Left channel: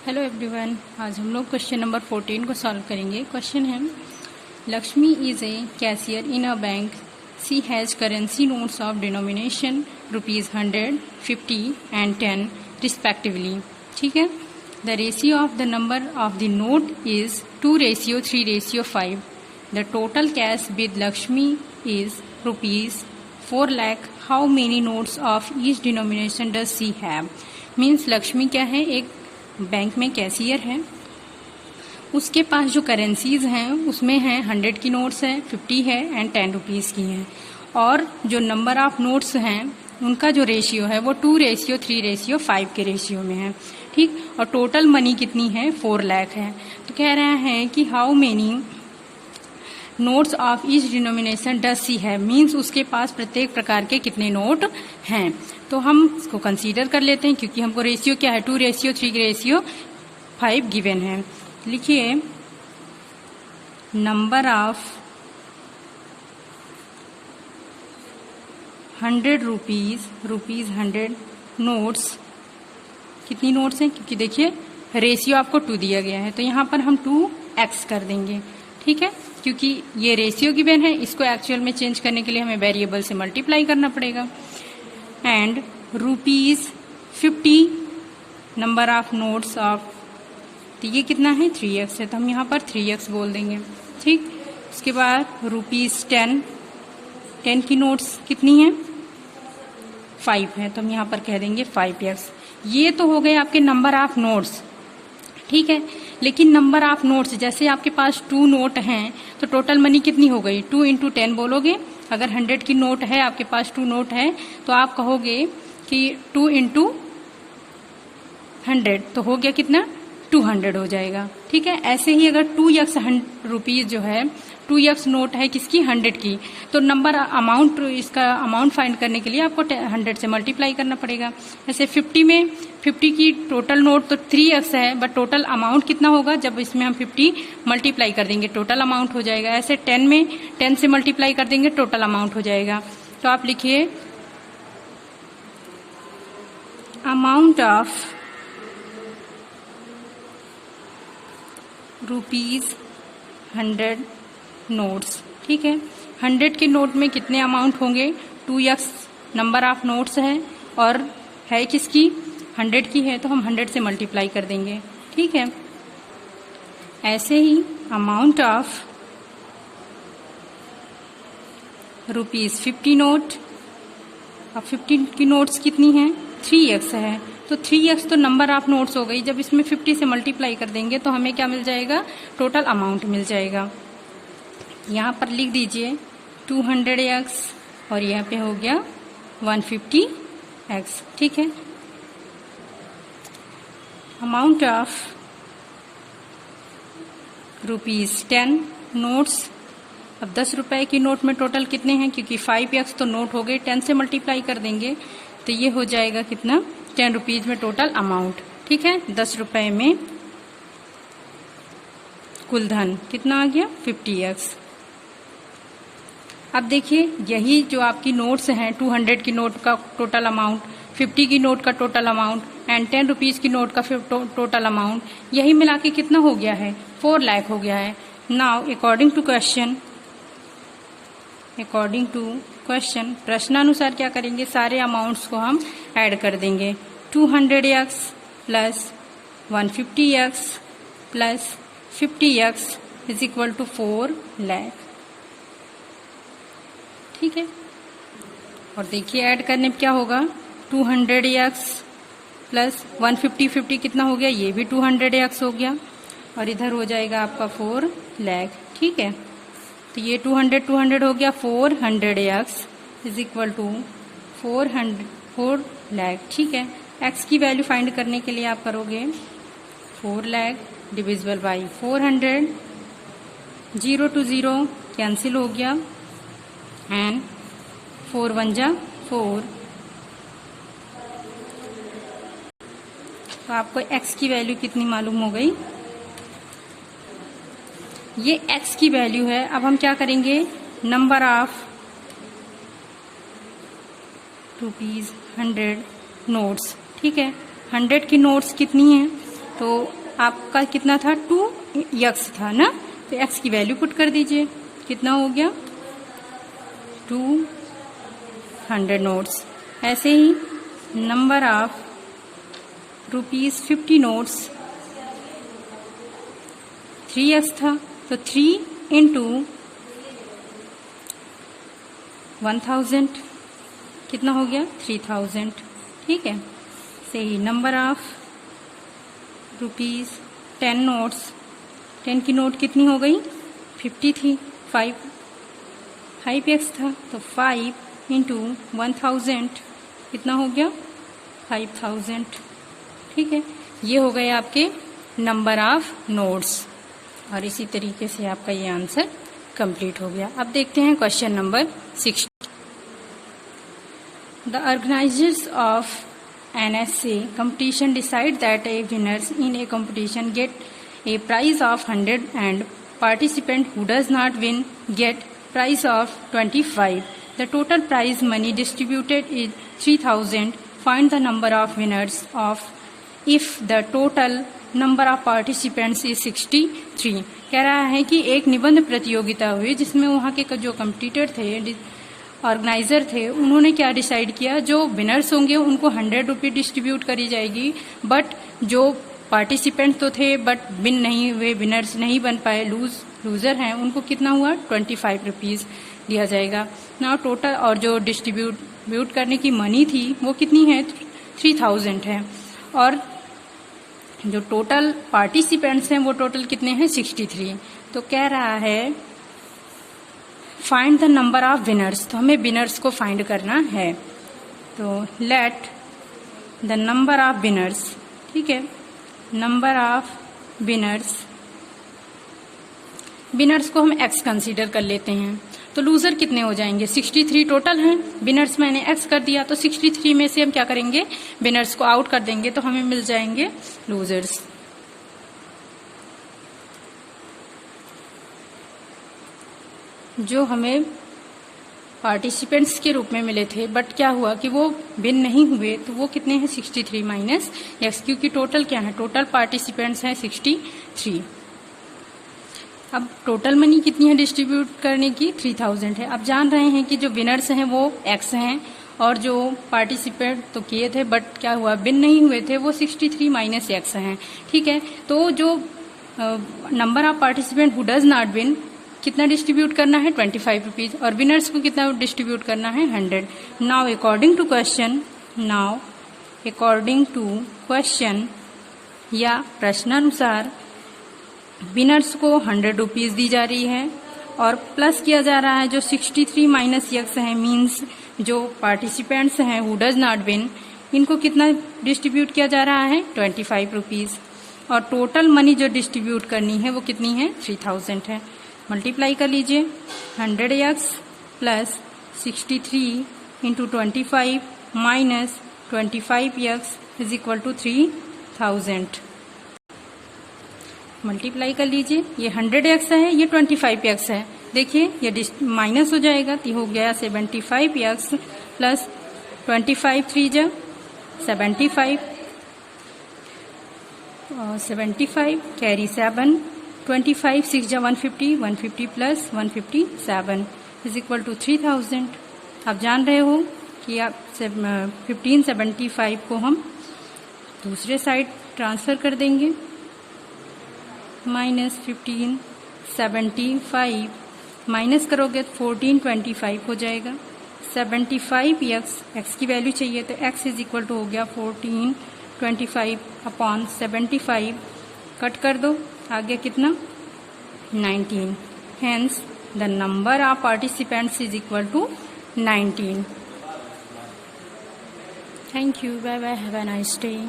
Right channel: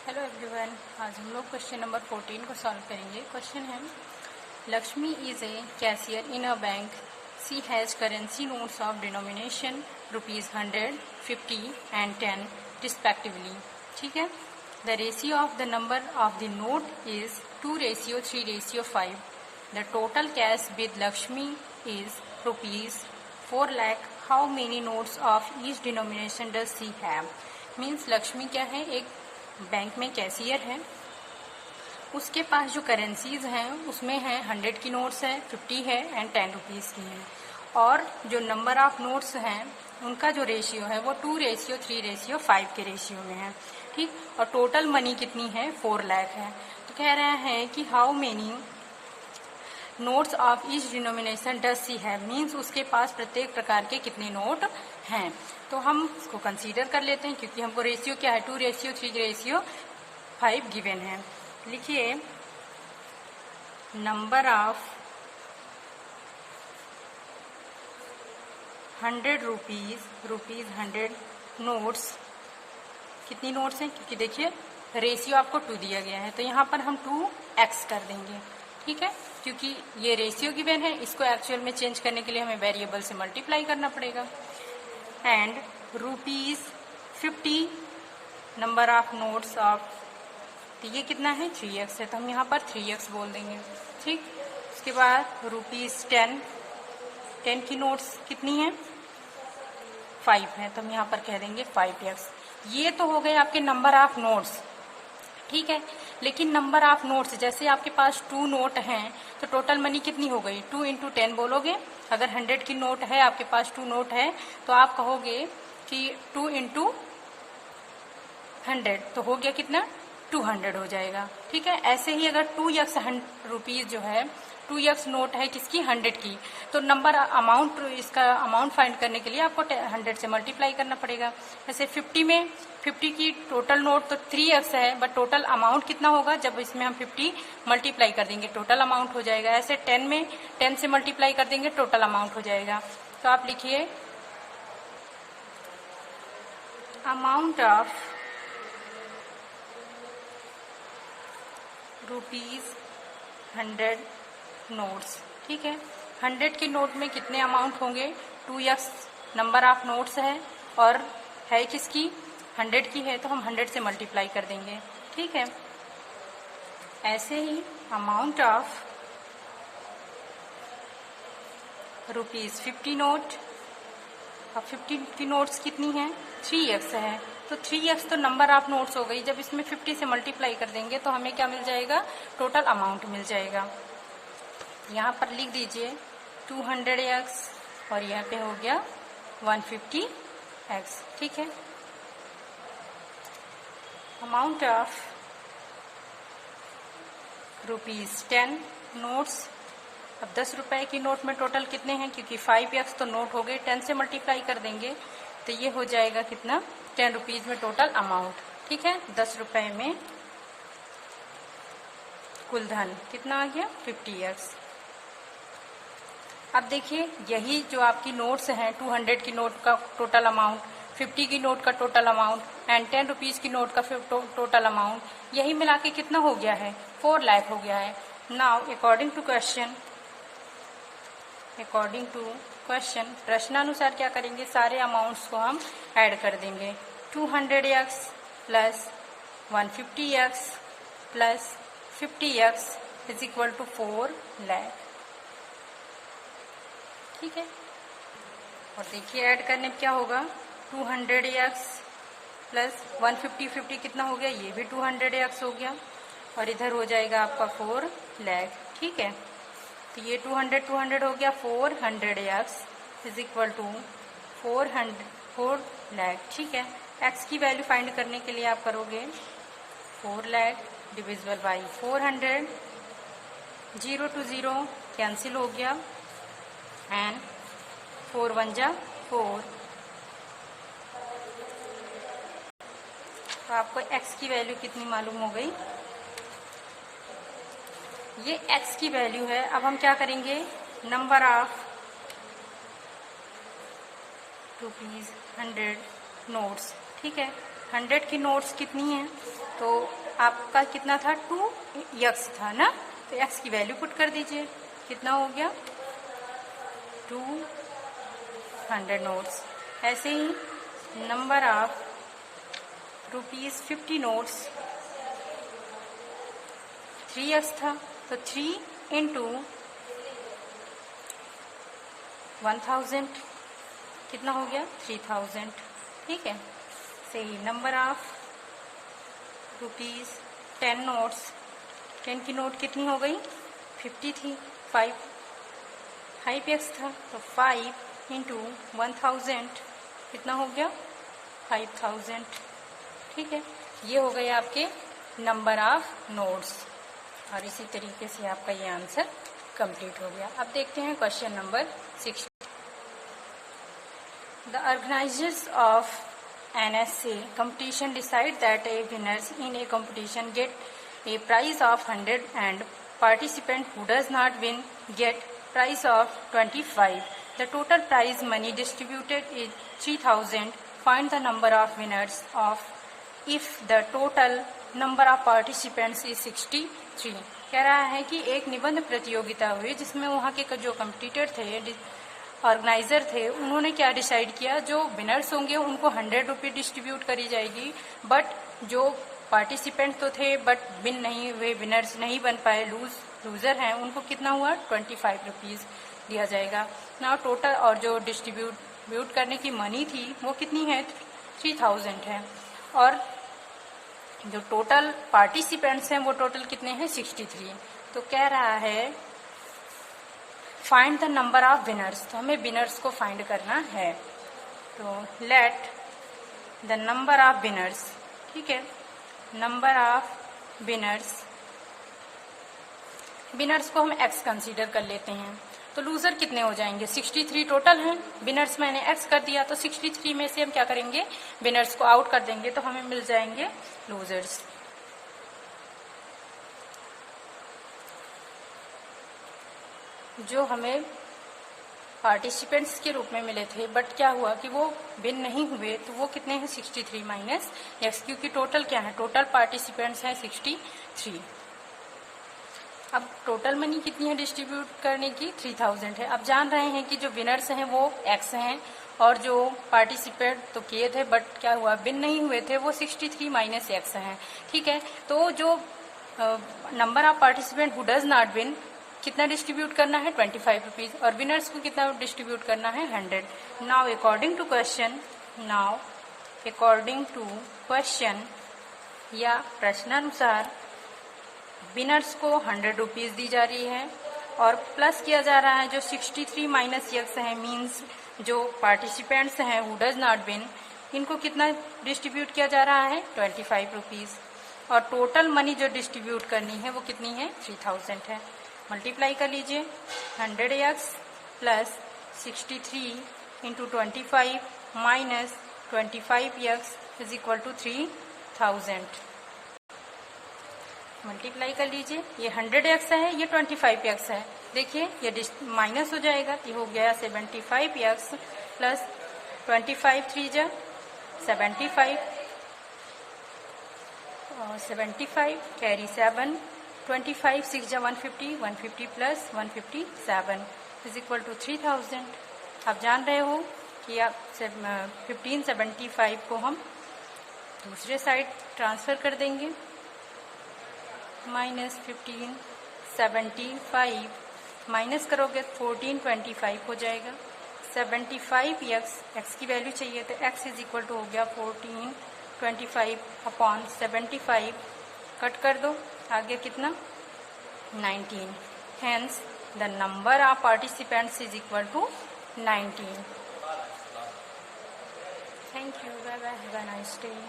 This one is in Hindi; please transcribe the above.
हेलो एवरीवन, आज हम लोग क्वेश्चन नंबर 14 को सॉल्व करेंगे। क्वेश्चन है, Lakshmi is a cashier in a bank. She has currency notes of denomination ₹100, 50 and 10 respectively. ठीक है। The ratio of the number of the note is 2:3:5। The total cash with Lakshmi is ₹4 lakh। How many notes of each denomination does she have. Means Lakshmi क्या है, एक बैंक में कैशियर है, उसके पास जो करेंसीज हैं उसमें है 100 की नोट्स है, 50 है एंड 10 रुपीज़ की हैं, और जो नंबर ऑफ नोट्स हैं उनका जो रेशियो है वो 2:3:5 के रेशियो में है। ठीक। और टोटल मनी कितनी है, 4 लाख है। तो कह रहा है कि how many notes of each denomination does सी है। मीन्स उसके पास प्रत्येक प्रकार के कितने नोट हैं। तो हम इसको कंसीडर कर लेते हैं, क्योंकि हमको रेशियो क्या है, 2:3:5 गिवन है। लिखिए, नंबर ऑफ 100 रुपीज 100 नोट्स। कितनी नोट्स हैं, क्योंकि देखिए रेशियो आपको 2 दिया गया है, तो यहाँ पर हम 2x कर देंगे। ठीक है, क्योंकि ये रेशियो गिवन है, इसको एक्चुअल में चेंज करने के लिए हमें वेरिएबल से मल्टीप्लाई करना पड़ेगा। And ₹50 number of notes of, तो ये कितना है, 3x है, तो हम यहाँ पर 3x बोल देंगे। ठीक। उसके बाद ₹10 की नोट्स कितनी है, 5 है, तो हम यहाँ पर कह देंगे 5x। ये तो हो गए आपके नंबर ऑफ नोट्स। ठीक है, लेकिन नंबर ऑफ नोट्स, जैसे आपके पास 2 नोट हैं तो टोटल मनी कितनी हो गई, 2 × 10 बोलोगे। अगर 100 की नोट है, आपके पास 2 नोट है, तो आप कहोगे कि 2 × 100, तो हो गया कितना, 200 हो जाएगा। ठीक है। ऐसे ही अगर 2x रुपीज जो है, 2x नोट है किसकी, 100 की, तो नंबर अमाउंट, इसका अमाउंट फाइंड करने के लिए आपको 100 से मल्टीप्लाई करना पड़ेगा। जैसे 50 में 50 की टोटल नोट तो 3x है, बट टोटल अमाउंट कितना होगा, जब इसमें हम 50 मल्टीप्लाई कर देंगे टोटल अमाउंट हो जाएगा। ऐसे 10 में 10 से मल्टीप्लाई कर देंगे टोटल अमाउंट हो जाएगा। तो आप लिखिए, अमाउंट ऑफ ₹100 नोट्स। ठीक है, 100 के नोट में कितने अमाउंट होंगे, 2x नंबर ऑफ नोट्स है, और है किसकी, 100 की है, तो हम 100 से मल्टीप्लाई कर देंगे। ठीक है। ऐसे ही अमाउंट ऑफ ₹50 नोट, अब 50 की नोट्स कितनी है, 3x है, तो 3x तो नंबर ऑफ नोट्स हो गई। जब इसमें 50 से मल्टीप्लाई कर देंगे तो हमें क्या मिल जाएगा, टोटल अमाउंट मिल जाएगा। यहाँ पर लिख दीजिए 200x, और यहाँ पे हो गया 150x। ठीक है। Amount of ₹10 notes. अब 10 रुपए की नोट में टोटल कितने हैं, क्योंकि 5x तो नोट हो गए, 10 से मल्टीप्लाई कर देंगे तो ये हो जाएगा कितना, 10 रुपीज में टोटल अमाउंट। ठीक है। 10 रुपए में कुल धन कितना आ गया, 50x। अब देखिए, यही जो आपकी नोट्स हैं, 200 की नोट का टोटल अमाउंट, 50 की नोट का टोटल अमाउंट एंड 10 रुपीज की नोट का टोटल अमाउंट, यही मिला के कितना हो गया है, 4 लाख हो गया है। नाउ अकॉर्डिंग टू क्वेश्चन, प्रश्नानुसार क्या करेंगे, सारे अमाउंट्स को हम ऐड कर देंगे। 200x plus 150x plus 50x is equal to 4 lakh. ठीक है। और देखिए ऐड करने में क्या होगा, 200x प्लस 150 कितना हो गया, ये भी 200x हो गया, और इधर हो जाएगा आपका 4 लाख। ठीक है। तो ये 200 हो गया, 400x is equal to 4 lakh. ठीक है। x की वैल्यू फाइंड करने के लिए आप करोगे 4 lakh divisible by 400, 0 to 0 cancel हो गया, एंड 4 1 जा 4। तो आपको x की वैल्यू कितनी मालूम हो गई, ये x की वैल्यू है। अब हम क्या करेंगे, नंबर ऑफ ₹100 नोट्स। ठीक है, 100 की नोट्स कितनी हैं, तो आपका कितना था 2x था ना, तो x की वैल्यू पुट कर दीजिए, कितना हो गया 200 नोट्स। ऐसे ही नंबर ऑफ ₹50 नोट्स 3x था, तो 3 इंटू 1000 कितना हो गया 3000। ठीक है, सही। नंबर ऑफ ₹10 नोट्स, 10 की नोट कितनी हो गई 50 थी, 5x था, तो 5 इंटू 1000 कितना हो गया 5000। ठीक है, ये हो गए आपके नंबर ऑफ नोट्स, और इसी तरीके से आपका ये आंसर कंप्लीट हो गया। अब देखते हैं question number 6। The organizers of an essay competition decide that a winners in a competition get a prize of 100 and participant who does not win get prize of 25. The total prize money distributed is 3000. Find the number of winners of if the total number of participants is 63. कह रहा है कि एक निबंध प्रतियोगिता हुई जिसमें वहाँ के जो कम्पिटिटर थे, ऑर्गेनाइजर थे, उन्होंने क्या डिसाइड किया, जो विनर्स होंगे उनको 100 रुपये डिस्ट्रीब्यूट करी जाएगी, बट जो पार्टिसिपेंट तो थे बट विन नहीं हुए, विनर्स नहीं बन पाए, लूजर हैं, उनको कितना हुआ 25 रुपीज़ दिया जाएगा ना टोटल। और जो डिस्ट्रीब्यूट करने की मनी थी वो कितनी है 3000 है, और जो टोटल पार्टिसिपेंट्स हैं वो टोटल कितने हैं 63। तो कह रहा है find the number of winners, तो हमें विनर्स को फाइंड करना है। तो let the number of winners, ठीक है, नंबर ऑफ विनर्स को हम x कंसीडर कर लेते हैं। तो लूजर कितने हो जाएंगे 63 टोटल हैं, विनर्स मैंने x कर दिया, तो 63 में से हम क्या करेंगे विनर्स को आउट कर देंगे, तो हमें मिल जाएंगे लूजर्स। जो हमें पार्टिसिपेंट्स के रूप में मिले थे बट क्या हुआ कि वो विन नहीं हुए, तो वो कितने हैं 63 माइनस x, क्योंकि टोटल क्या है, टोटल पार्टिसिपेंट्स हैं 63। अब टोटल मनी कितनी है डिस्ट्रीब्यूट करने की 3000 है। अब जान रहे हैं कि जो विनर्स हैं वो x हैं, और जो पार्टिसिपेंट तो किए थे बट क्या हुआ विन नहीं हुए थे वो 63 माइनस x हैं। ठीक है, तो जो number of participant who does not win कितना डिस्ट्रीब्यूट करना है 25 रुपीज, और विनर्स को कितना डिस्ट्रीब्यूट करना है 100। नाउ अकॉर्डिंग टू क्वेश्चन या प्रश्नानुसार विनर्स को 100 रुपीज दी जा रही है, और प्लस किया जा रहा है जो 63 माइनस x है, मीन्स जो पार्टिसिपेंट्स हैं हु डज नॉट विन, इनको कितना डिस्ट्रीब्यूट किया जा रहा है 25 रुपीज, और टोटल मनी जो डिस्ट्रीब्यूट करनी है वो कितनी है 3000 है। मल्टीप्लाई कर लीजिए 100x plus 63 into 25 minus 25x is equal to 3000। Multiply कर लीजिए, ये 100x है, ये 25x है, देखिए ये माइनस हो जाएगा, तो हो गया 75x प्लस 25 3 जा 75 कैरी 7, 25 6 जा 150, 150 प्लस 157 इज इक्वल टू 3000। आप जान रहे हो कि आप 1575 को हम दूसरे साइड ट्रांसफर कर देंगे, माइनस 1575 माइनस करोगे तो 1425 हो जाएगा। 75x की वैल्यू चाहिए, तो x इज इक्वल टू हो गया 1425 अपॉन 75, कट कर दो, आगे कितना 19, hence the number of participants is equal to 19। Thank you, bye bye, have a nice day.